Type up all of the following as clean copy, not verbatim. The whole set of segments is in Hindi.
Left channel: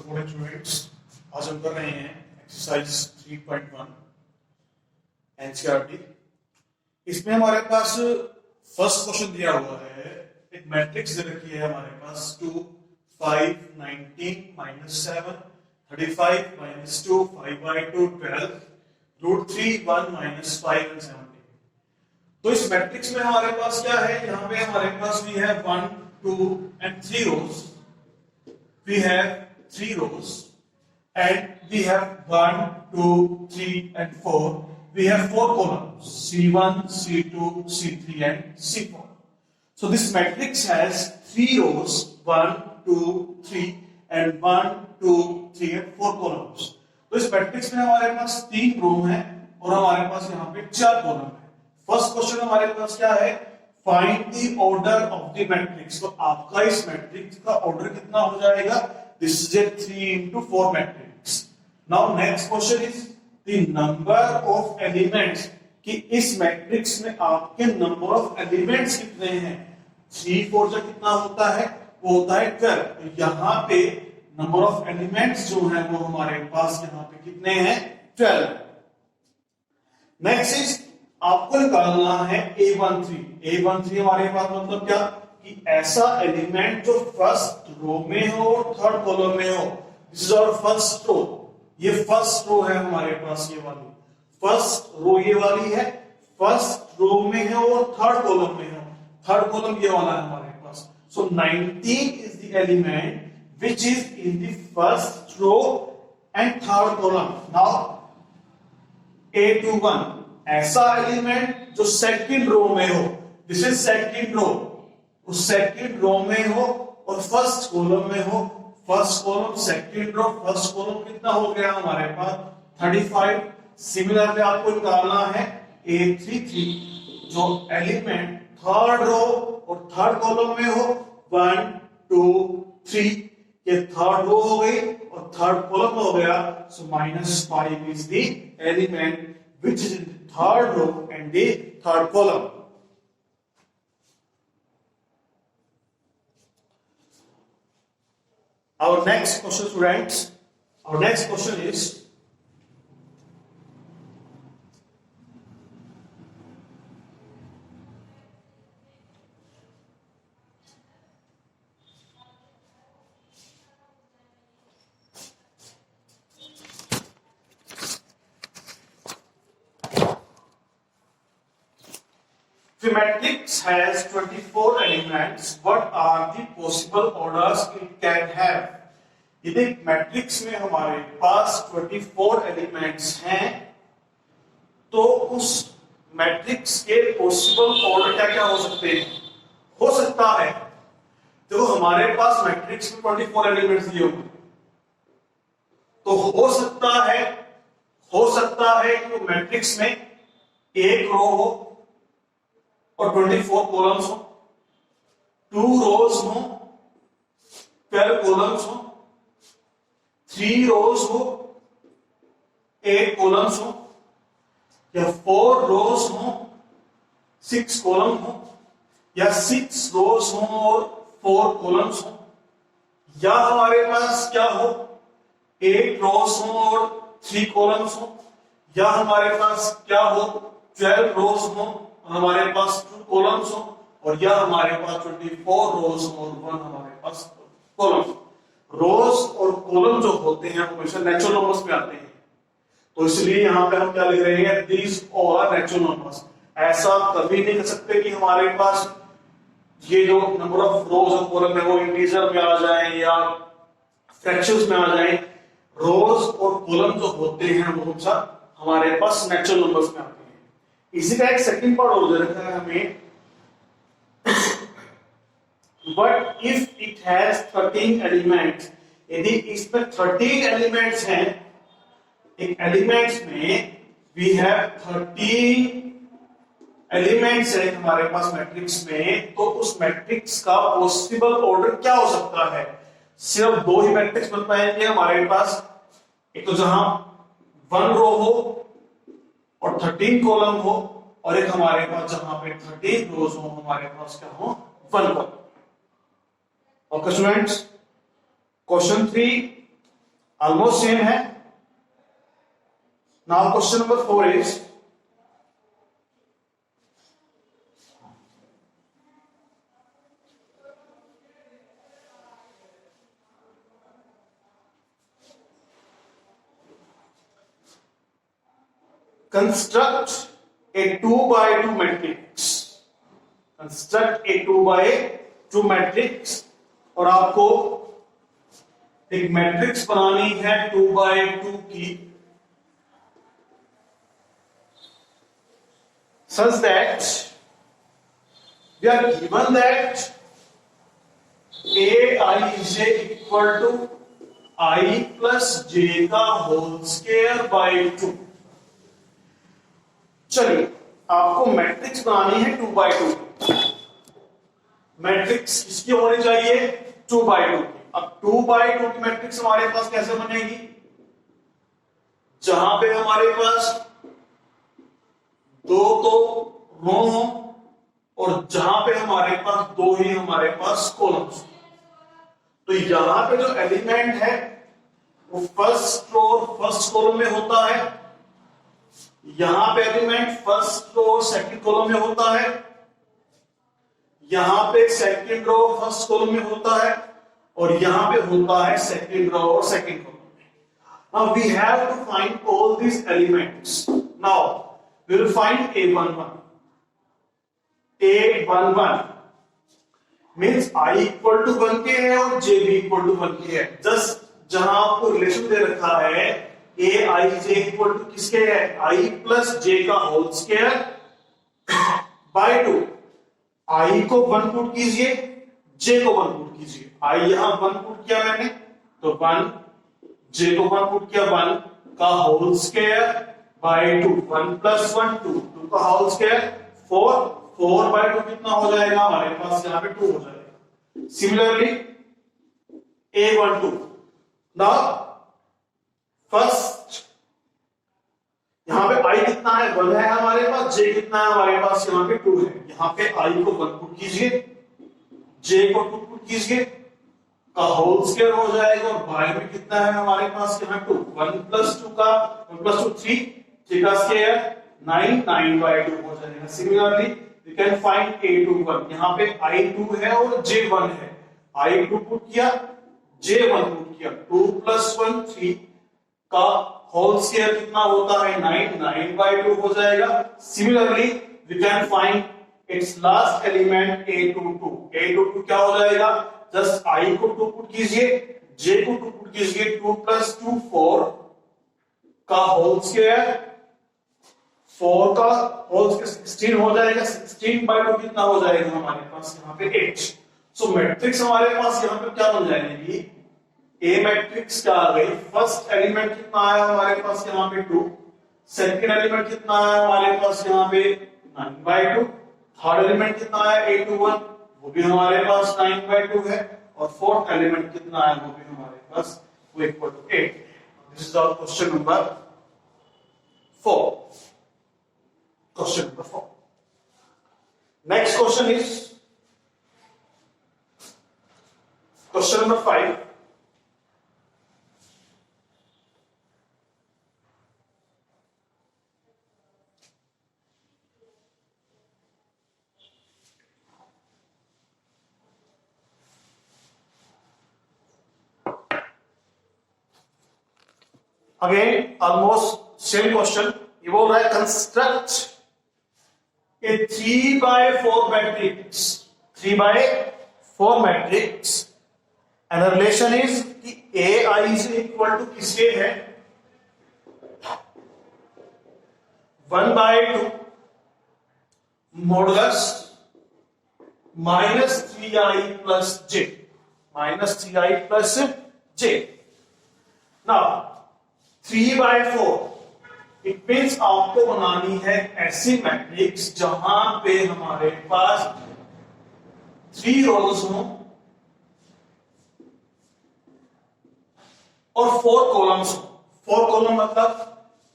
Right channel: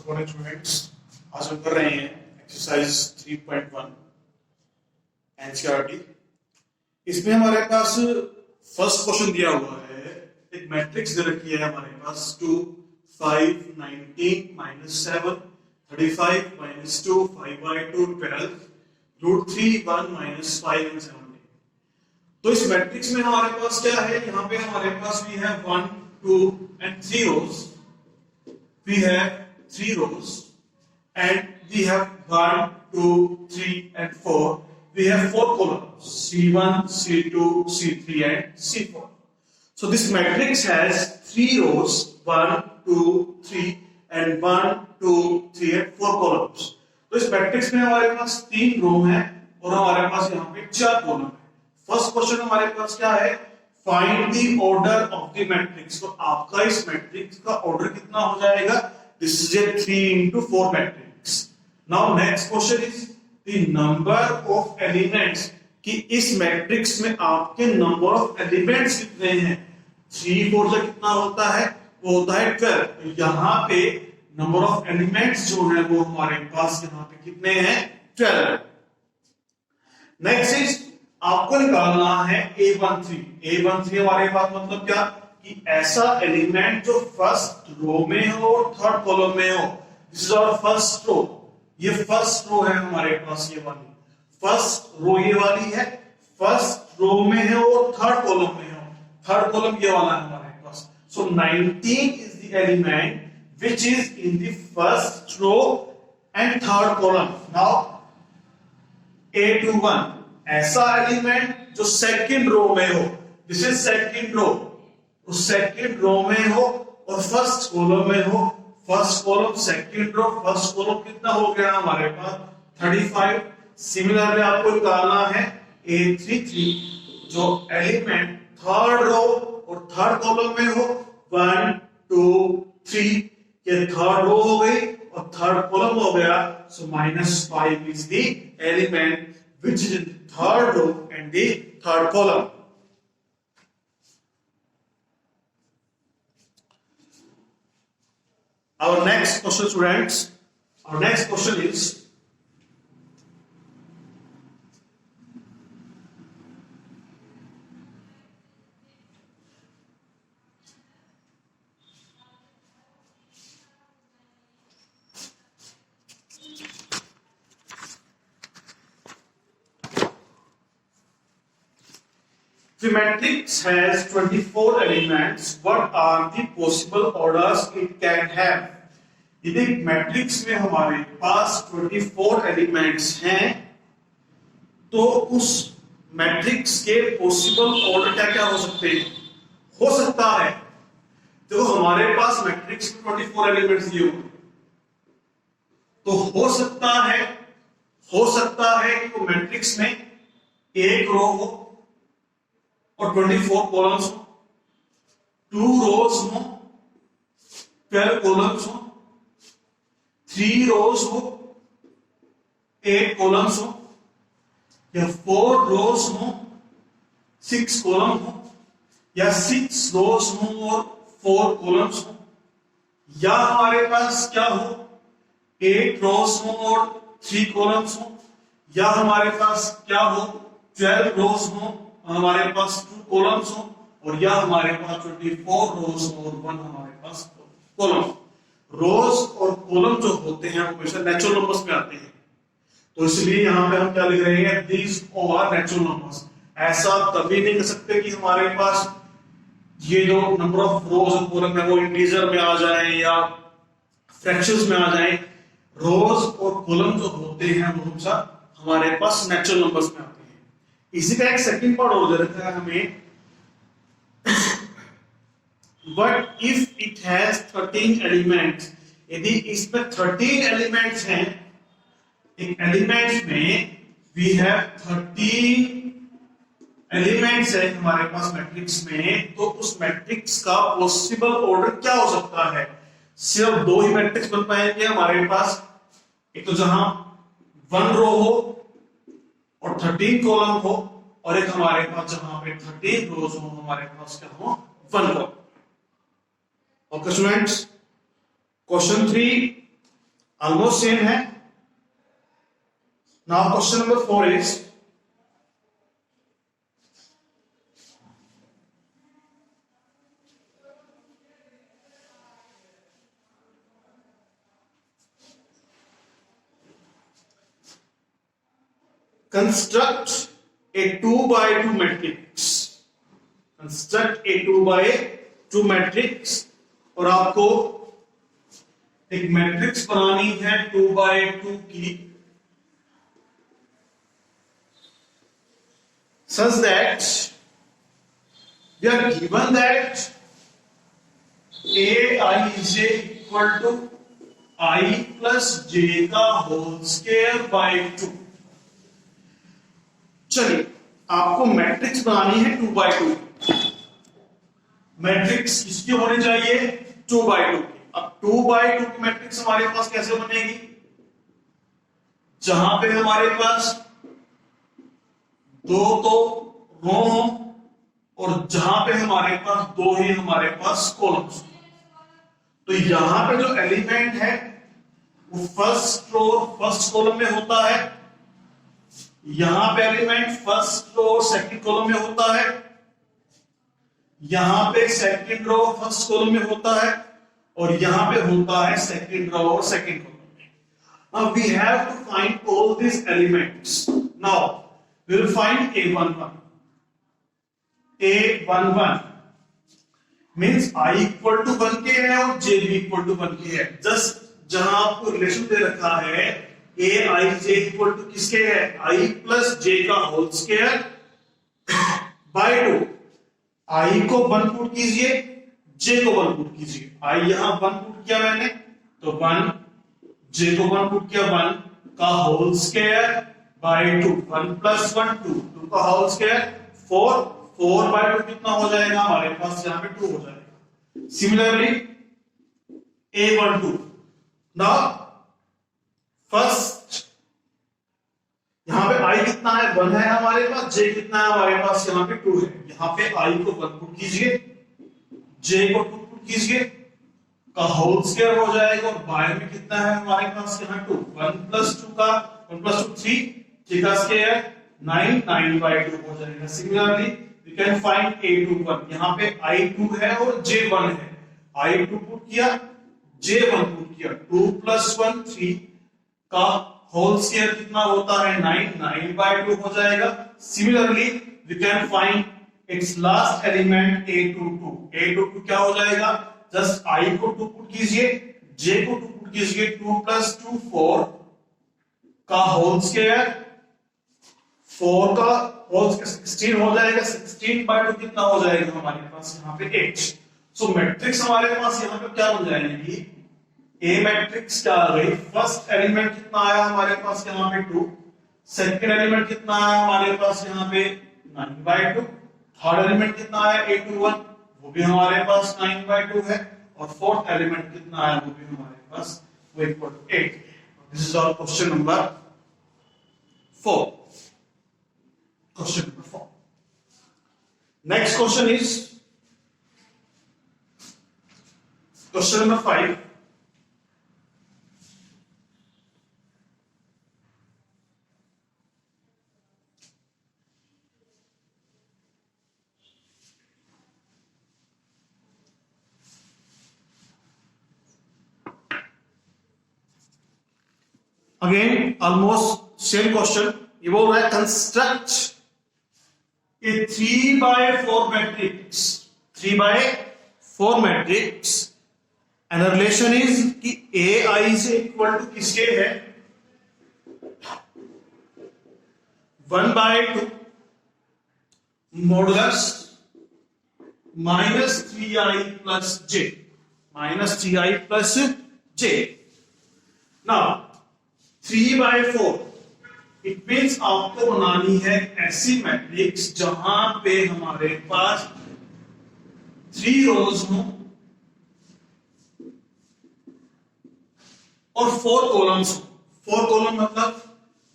Good morning students. आज हम कर रहे हैं एक्सरसाइज 3.1 एनसीईआरटी। इसमें हमारे पास फर्स्ट क्वेश्चन दिया हुआ है, एक मैट्रिक्स दे रखी है हमारे पास 2 5 19 -7 35 -2 5/2 12 √3 1 -5 and 7। तो इस मैट्रिक्स में हमारे पास क्या है, यहाँ पे हमारे पास भी है 1 2 and 3 rows। We have 3 rows and we have 1 2 3 and 4। We have 4 columns C1 C2 C3 and C4। so this matrix has 3 rows 1 2 3 and 1 2 3 and 4 columns। तो इस मैट्रिक्स में हमारे पास 3 रो है और हमारे पास यहाँ पे 4 कॉलम है। फर्स्ट क्वेश्चन हमारे पास क्या है, find the order of the matrix. तो आपका इस मैट्रिक्स का ऑर्डर कितना हो जाएगा, this is a 3 into 4 matrix. Now next question is the number of elements, कि इस मैट्रिक्स में आपके नंबर ऑफ एलिमेंट्स कितने हैं। 3 4 से कितना होता है, वो होता है 12। तो यहाँ पे नंबर ऑफ एलिमेंट्स जो है वो हमारे पास यहाँ पे कितने हैं, 12। नेक्स्ट इज आपको निकालना है A13 हमारे पास मतलब क्या, कि ऐसा एलिमेंट जो फर्स्ट रो में हो और थर्ड कॉलम में हो। This is our first row, ये फर्स्ट रो है हमारे पास, ये वाली फर्स्ट रो ये वाली है, फर्स्ट रो में है और थर्ड कॉलम में हो। थर्ड कॉलम ये वाला है हमारे पास। So 19 is the element which is in the first row and third column. Now A21 ऐसा एलिमेंट जो सेकंड रो में हो, दिस इज सेकंड रो, उस सेकंड रो में हो और फर्स्ट कॉलम में हो। First column second row first column कितना हो गया हमारे पास 35। सिमिलरली आपको निकालना है A33 जो एलिमेंट थर्ड रो और थर्ड कॉलम में हो। 1 2 3 ये थर्ड रो हो गई और थर्ड कॉलम हो गया। सो -5 is the element which is in third row and the third column। Our next question, students, our next question is the matrix has 24 elements, what are the possible orders it can have। यदि मैट्रिक्स में हमारे पास 24 एलिमेंट्स हैं तो उस मैट्रिक्स के पॉसिबल ऑर्डर क्या क्या हो सकते हैं। हो सकता है तो हमारे पास मैट्रिक्स में 24 एलिमेंट्स दिए होंगे, तो हो सकता है कि वो मैट्रिक्स में एक रो हो और 24 कॉलम्स हो, 2 रोज हो 12 कॉलम्स हो, 3 रोज हो 8 कॉलम्स हो, या 4 रोज हो 6 कॉलम हो, या 6 रोज हो और 4 कॉलम्स हो, या हमारे पास क्या हो 8 रोज हो और 3 कॉलम्स हो, या हमारे पास क्या हो 12 रोज हो हमारे पास 2 कॉलम्स हो, और या हमारे पास 24 रोज और 1 हमारे पास कॉलम। रोज और कॉलम जो होते हैं वो हमेशा नेचुरल नंबर्स में आते हैं, तो इसलिए यहां पे हम क्या लिख रहे हैं, these all are natural numbers. ऐसा कभी नहीं कर सकते कि हमारे पास ये जो नंबर ऑफ रोज और कॉलम है वो इंटीजर में आ जाए या फ्रैक्शंस में आ जाए। रोज और कॉलम जो होते हैं वो हमेशा हमारे पास नेचुरल नंबर्स में आते हैं। इसी का एक सेकंड पार्ट और दे रखा है हमें, but if it has 13 elements, यदि इसमें 13 एलिमेंट्स हैं, एक एलिमेंट्स में वी हैव 13 एलिमेंट्स है हमारे पास मैट्रिक्स में, तो उस मैट्रिक्स का पॉसिबल ऑर्डर क्या हो सकता है। सिर्फ 2 ही मैट्रिक्स बन पाएंगे हमारे पास, एक तो जहां 1 रो हो और 13 कॉलम हो, और एक हमारे पास जहां पे 13 रोज हो हमारे पास क्या हो 1 column. Okay students, question 3 almost same है। Now question number 4 is construct a 2 by 2 matrix। Construct a 2 by 2 matrix, और आपको एक मैट्रिक्स बनानी है 2 by 2 की, such that we are given that aij equal to I plus j का होल स्क्वायर बाय 2। चलिए, आपको मैट्रिक्स बनानी है 2 by 2। मैट्रिक्स किसकी होनी चाहिए? 2 by 2। अब 2 by 2 की मैट्रिक्स हमारे पास कैसे बनेगी? जहां पे हमारे पास दो तो रो हो और जहां पे हमारे पास दो ही हमारे पास कॉलम्स। तो यहां पे जो एलिमेंट है वो फर्स्ट रो फर्स्ट कॉलम में होता है, यहां पे element first row second column में होता है, यहां पे सेकंड रो फर्स्ट कॉलम में होता है, और यहां पे होता है सेकंड रो और सेकंड कॉलम में। Now we have to find all these elements. Now we will find a11। a11 means i equal to 1 के है और j भी इक्वल टू 1 के है। जस्ट जहां आपको रिलेशन दे रखा है a i j equal to किसके है? i प्लस j का होल स्क्वायर बाय 2। i को 1 पुट कीजिए, j को 1 पुट कीजिए। i यहां 1 पुट किया मैंने तो 1, j को 1 पुट किया 1 का होल स्क्वायर बाय 2। 1 प्लस 1 2, 2 का होल स्क्वायर 4, 4 बाय 2 कितना हो जाएगा? हमारे पास यहां पे 2 हो जाएगा। Similarly a12। नाउ फर्स्ट यहां पे i कितना है? 1 है हमारे पास, j कितना है हमारे पास? यहां पे 2 है। यहां पे i को 1 पुट कीजिए, j को 2 पुट कीजिए का होल स्क्वायर हो जाएगा, और बाय में कितना है हमारे पास? यहां 2। 1 प्लस 2 का 1 प्लस 2 3, 3 का स्क्वायर 9, 9 बाय 2 हो जाएगा। Similarly you can find a21। यहां पे i2 है और j1 है। i2 पुट किया, j1 पुट किया, 2 प्लस 1 3 का होल स्क्वायर कितना होता है? 9, 9 बाय 2 हो जाएगा। Similarly we can find its last element a22। a22 क्या हो जाएगा? जस्ट i को 2 पुट कीजिए, j को 2 पुट कीजिए, 2 प्लस 2 4 का होल स्क्वायर, 4 का होल 16 हो जाएगा। 16 बाय 2 कितना हो जाएगा हमारे पास? यहाँ पे 8। सो मैट्रिक्स हमारे पास यहाँ पे क्या बन जाएगी? ए मैट्रिक्स क्या आ गई? फर्स्ट एलिमेंट कितना आया हमारे पास? यहाँ पे 2। सेकंड एलिमेंट कितना आया हमारे पास? यहाँ पे 9 बाय 2। थर्ड एलिमेंट कितना आया? a21, वो भी हमारे पास 9 बाय 2 है। और फोर्थ एलिमेंट कितना आया? वो भी हमारे पास वो equal to 8। This is our question number 4। Question number 4। Next question is question number 5। Again almost same question. ये बोल रहा है construct a 3 by 4 matrix. 3 by 4 matrix and relation is कि ए आई से इक्वल टू किसके है? 1 by 2 modulus -3i plus j। -3i plus j। Now 3 by 4 it means आपको बनानी है ऐसी मैट्रिक्स जहां पे हमारे पास 3 रोज हो और 4 कॉलम्स हो। 4 कॉलम मतलब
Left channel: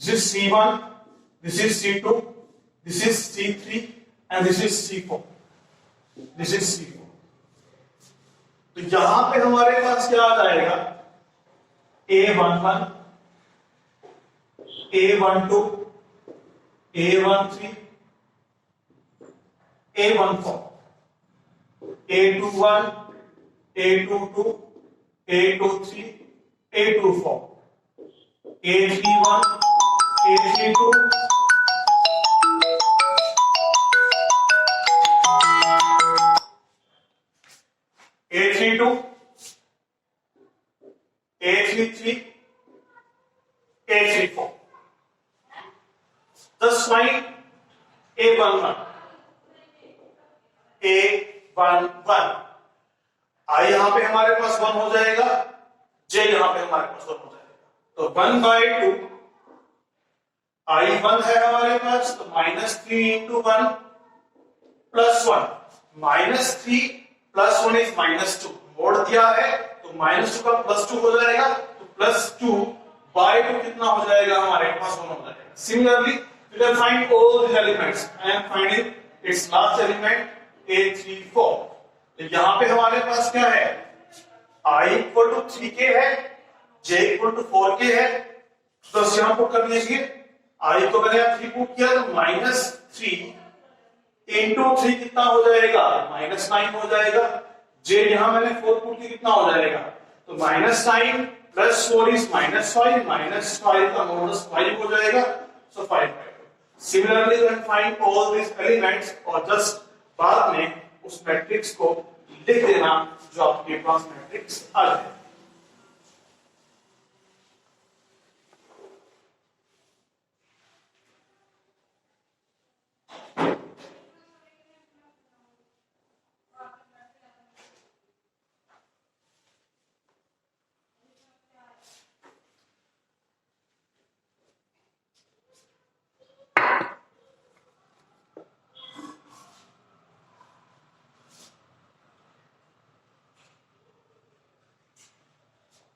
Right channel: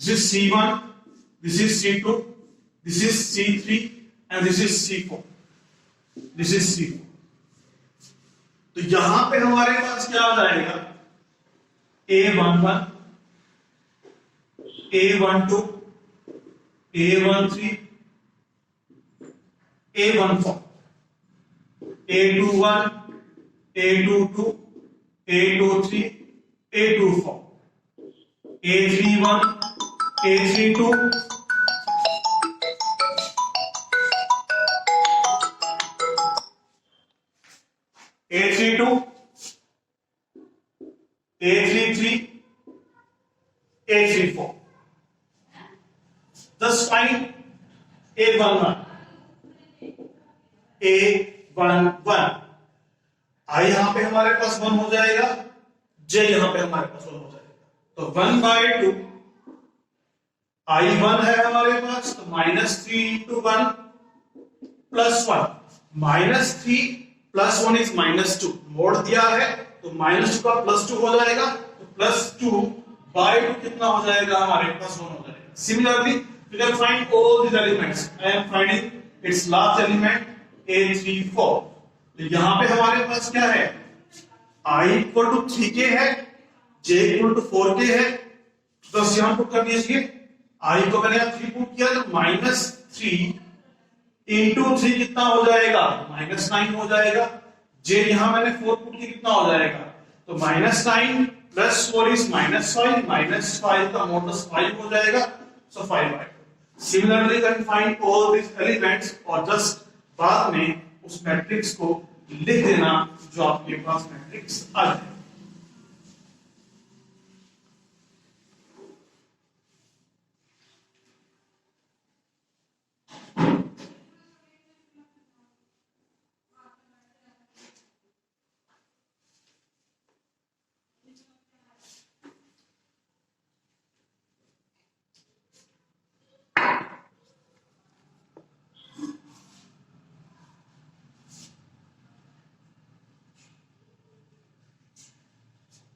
this is C1, this is C2, this is C3 and this is C4, this is C4। तो यहां पे हमारे पास क्या आ जाएगा? A11, A12, A13, A14, A21, A22, A23, A24, A31, A32, A32, A33, A34. Thus find A11, A11. I यहां पे हमारे पास 1 हो जाएगा, J यहां पे हमारे पास 1 हो जाएगा, तो 1/2 I1 है हमारे पास, तो -3 into 1 plus 1, -3 plus 1 is -2, मोड़ दिया है तो -2 का +2 हो जाएगा, तो +2/2 कितना हो जाएगा हमारे पास 1 हो जाएगा. Similarly you can find all these elements. I am finding its last element A34. तो यहां पे हमारे पास क्या है, I equal to 3k है, J equal to 4k है, तो यहां पुट कर दीजिए. I को मैंने 3 पुट किया तो -3 इंटू 3 कितना हो जाएगा, -9 हो जाएगा. J यहां मैंने 4 पुट किया, कितना हो जाएगा, तो -9 प्लस 4 इज -5, -5 का मॉडुलस 5 हो जाएगा, सो 5/2. Similarly, you can find all these elements और जस्ट बाद में उस मैट्रिक्स को लिख देना जो आपके पास मैट्रिक्स आ जाए.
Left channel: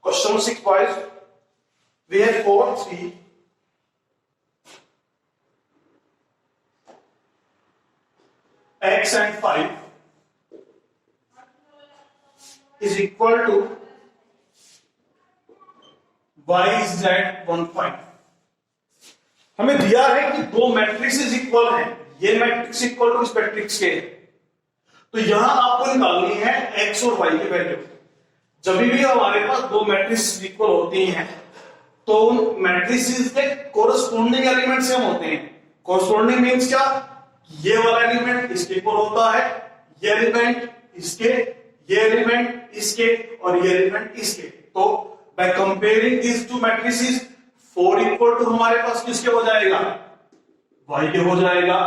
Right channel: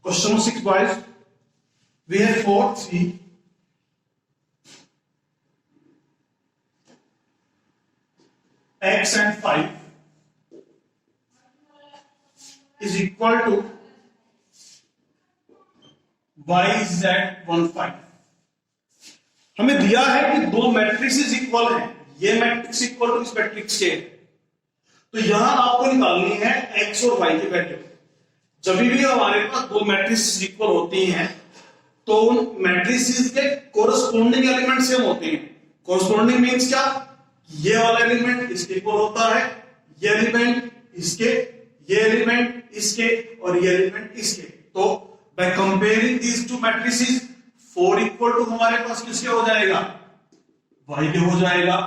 Question 6 boys, we have 4, 3, x and 5 is equal to y z 1 5. हमें दिया है कि दो मैट्रिक्स इक्वल हैं, ये मैट्रिक्स इक्वल टू इस मैट्रिक्स के, तो यहां आपको निकालनी है x और y की वैल्यू. जब भी हमारे पास दो मैट्रिक्स इक्वल होती हैं तो उन मैट्रिक्स के कोरस्पोंडिंग एलिमेंट सेम होते हैं. कोरस्पोंडिंग मींस क्या, ये वाला एलिमेंट इसके इक्वल होता है, ये एलिमेंट इसके, ये एलिमेंट इसके और ये एलिमेंट इसके. तो by comparing these two matrices 4 equal to हमारे पास किसके हो जाएगा, y के हो जाएगा.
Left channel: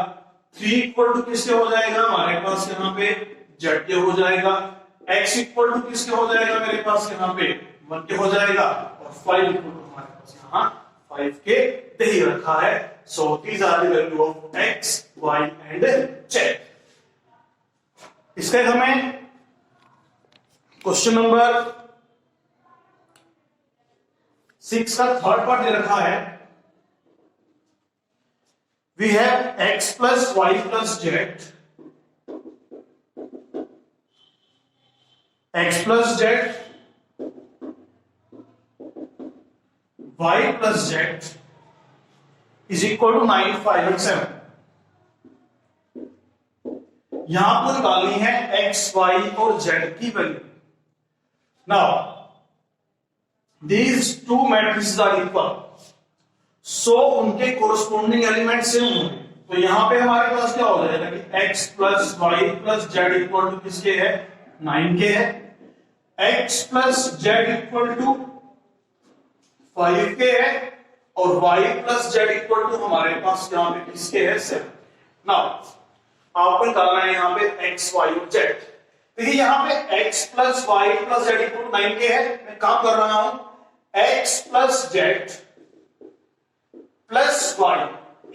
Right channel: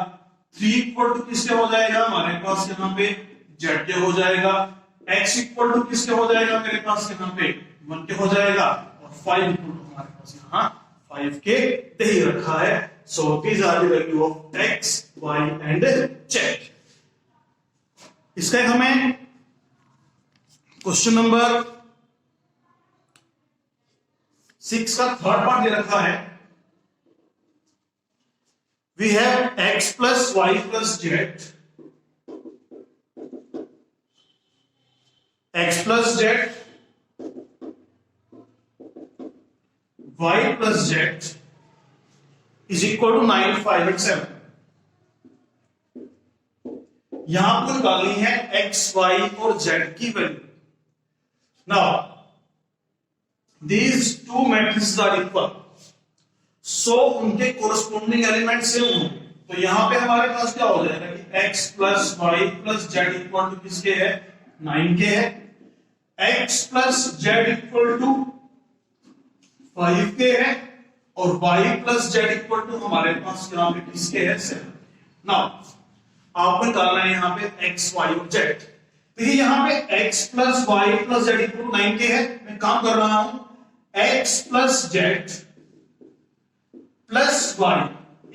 3 इक्वल टू किसके हो जाएगा हमारे पास यहां पे z के हो जाएगा. x इक्वल टू किसके हो जाएगा मेरे पास यहाँ पे 1 के हो जाएगा, और 5 इक्वल टू हमारे पास यहाँ 5 के दे ही रखा है. So these are the value of x, y and z. इसका हमें क्वेश्चन नंबर 6 का थर्ड पार्ट दे रखा है. We have x plus y plus z, x plus z, y plus z is equal to 9, 5 and 7. यहां पर निकालनी है x, y और z की value. Now these two matrices are equal, so उनके कोरस्पोंडिंग एलिमेंट सेम होंगे. तो यहां पे हमारे पास क्या हो जाएगा कि x plus Y plus Z equal to किसके है, 9 के है. x plus Z equal to 5 के है और y plus Z equal to हमारे पास यहां पे किसके है, 7. नाउ आपको निकालना है यहां पे x, y और z. देखिए यहां पे x plus Y plus Z equal to 9 के है. मैं काम कर रहा हूं x plus Z plus Y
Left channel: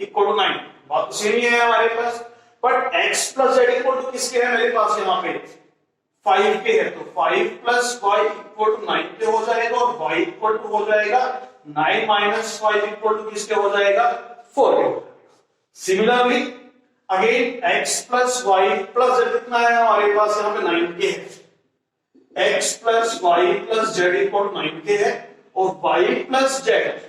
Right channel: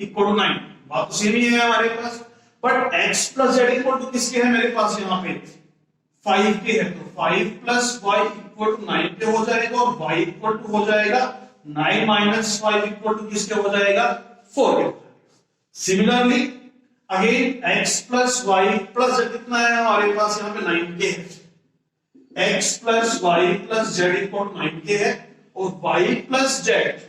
equal to 9. बात तो सेम ही है हमारे पास, but x plus Z equal to किसके है मेरे पास यहां पे 5 के है. तो 5 प्लस वाई इक्वल टू 9 के हो जाएगा और y इक्वल टू हो जाएगा 9 माइनस 5 इक्वल टू किसके हो जाएगा, 4 के. Similarly again x plus Y plus z कितना है हमारे पास यहाँ पे 9 के है. x plus Y plus Z equal 9 के है और y plus z,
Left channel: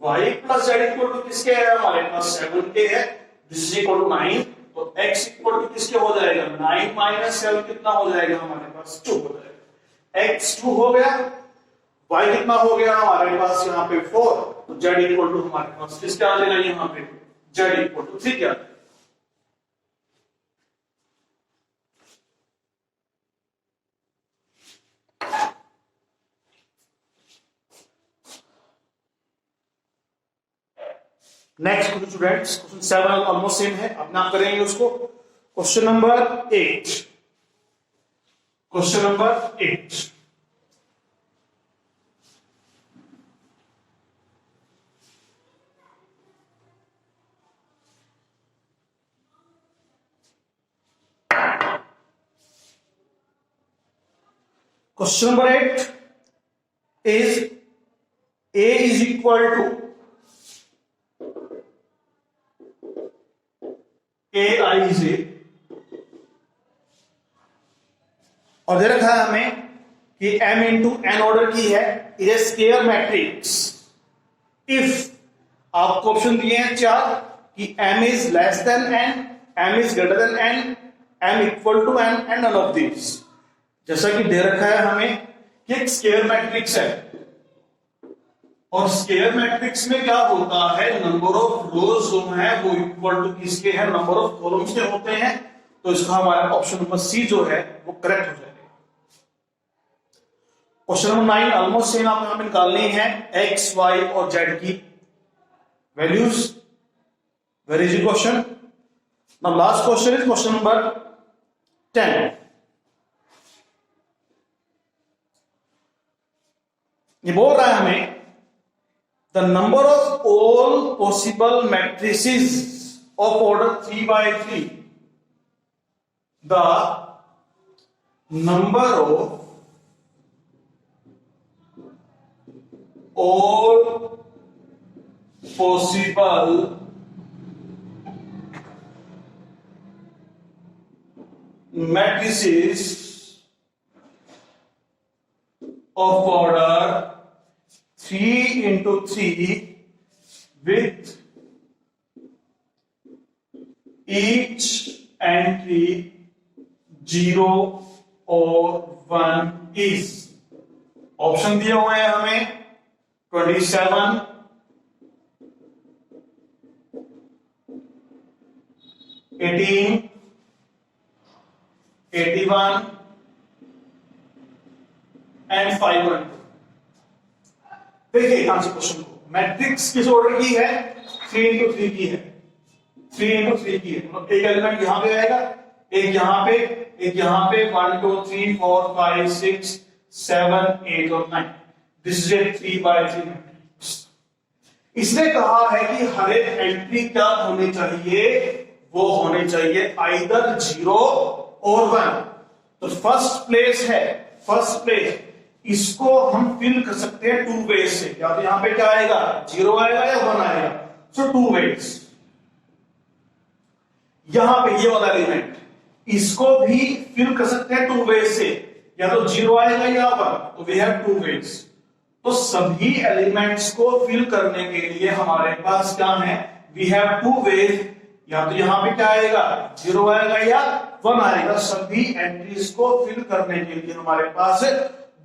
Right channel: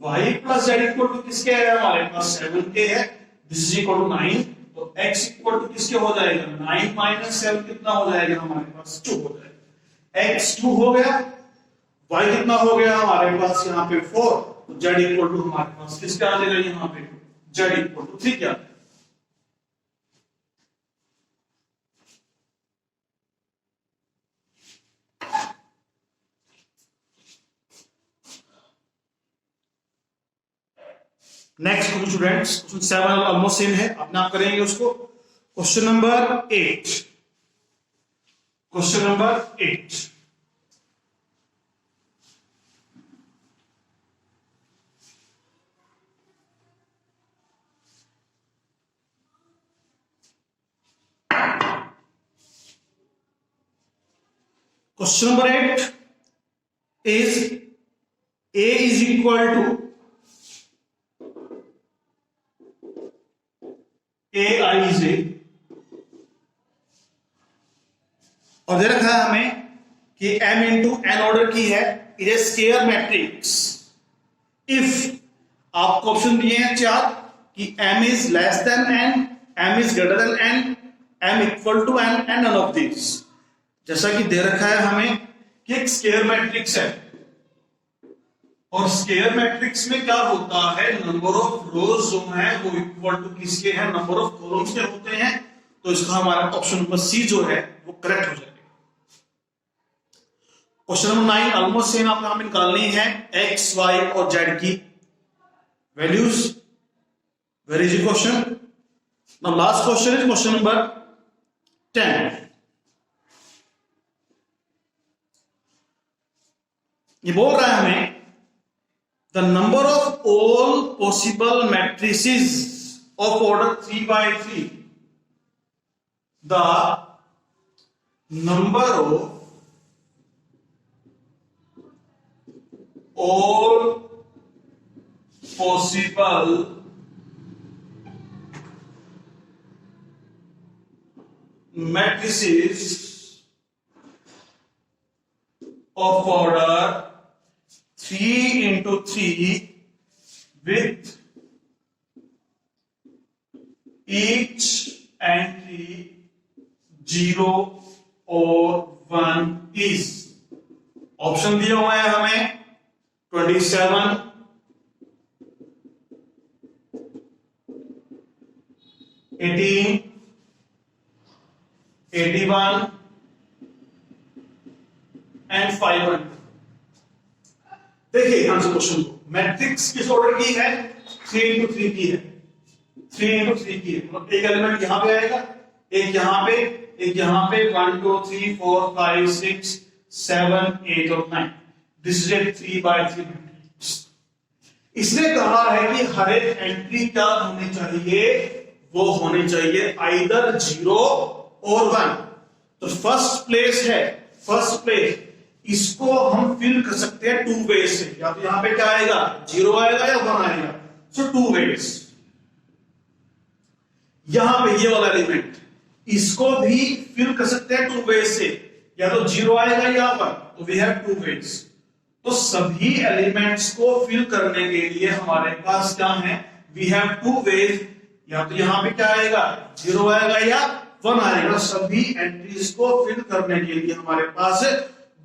y plus Z equal to किसके है, हमारे पास 7 के है, दिस इज इक्वल टू 9, तो x इक्वल टू किसके हो जाएगा, 9 माइनस 7 कितना हो जाएगा हमारे पास 2 हो जाएगा, x 2 हो गया, y कितना हो गया हमारे पास यहाँ पे 4, तो z इक्वल टू हमारे पास किसका आ जाएगा यहाँ पे, z इक्वल टू 3 क्या, next students question 7 almost same है, अपने आप करेंगे उसको। Question number 8, question number 8, question number 8 is a is equal to aij, और दे रखा है हमें कि m इंटू n ऑर्डर की है, is a square matrix if आपको ऑप्शन दिए हैं 4 कि m is less than n, m is greater than n, m equal to n and none of this. जैसा कि दे रखा है हमें कि एक स्केयर मैट्रिक्स है, और स्केयर मैट्रिक्स में क्या होता है, नंबर ऑफ रोज जो है वो इक्वल टू किसके है, नंबर ऑफ कॉलम्स के होते हैं, तो इसका हमारा ऑप्शन नंबर सी जो है वो करेक्ट हो जाएगा। क्वेश्चन नंबर 9 ऑलमोस्ट सेम, आपको यहां पे निकालनी है एक्स वाई और जेड की values. Very easy question. Now last question is question number 10। ये बोल रहा है हमें the number of all possible matrices of order 3 by 3, the number of all possible matrices of order 3 into 3 with each entry 0 or 1 is, option दिए हुए हैं हमें 27, 18, 81 एंड 500। देखिए यहां से क्वेश्चन को, मैट्रिक्स किस ऑर्डर की है, 3 into 3 की है, 3 into 3 की है, मतलब एक एलिमेंट यहां पे आएगा, एक यहां पे, एक यहां पे, 1 2 3 4 5 6 7 8 और 9, this is a 3 by 3 matrix. इसने कहा है कि हर एक एंट्री क्या होनी चाहिए, वो होने चाहिए आइदर 0 और 1। तो फर्स्ट प्लेस है, फर्स्ट प्लेस, इसको हम फिल कर सकते हैं 2 वेज से, या तो यहां पे क्या आएगा, 0 आएगा या 1 आएगा, सो 2 वेज। यहां पे ये वाला एलिमेंट, इसको भी फिल कर सकते हैं 2 वेज से, या तो 0 आएगा या 1, तो वी हैव 2 वेज। तो सभी एलिमेंट्स को फिल करने के लिए हमारे पास क्या है, वी हैव 2 वेज, या तो यहां पे क्या आएगा, 0 आएगा या 1 आएगा। सभी एंट्रीज को फिल करने के लिए हमारे पास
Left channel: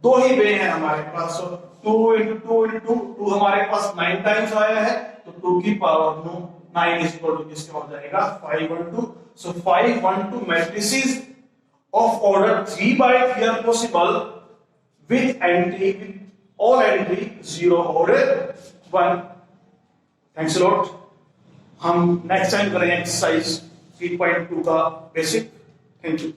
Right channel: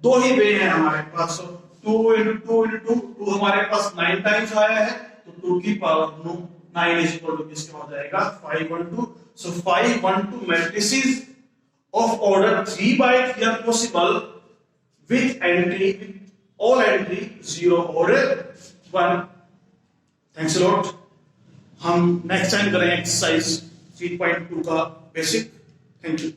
2 ही वे हैं हमारे पास। 2 into 2 into 2 हमारे पास 9 टाइम्स आया है, तो 2 की पावर 9 इज इक्वल टू किसका हो जाएगा, 5 1 2। सो 5 1 2 matrices of order 3 by 3 are possible with entry, all entry 0 और 1। Thanks a lot. हम नेक्स्ट टाइम करेंगे एक्सरसाइज 3.2 का बेसिक। Thank you.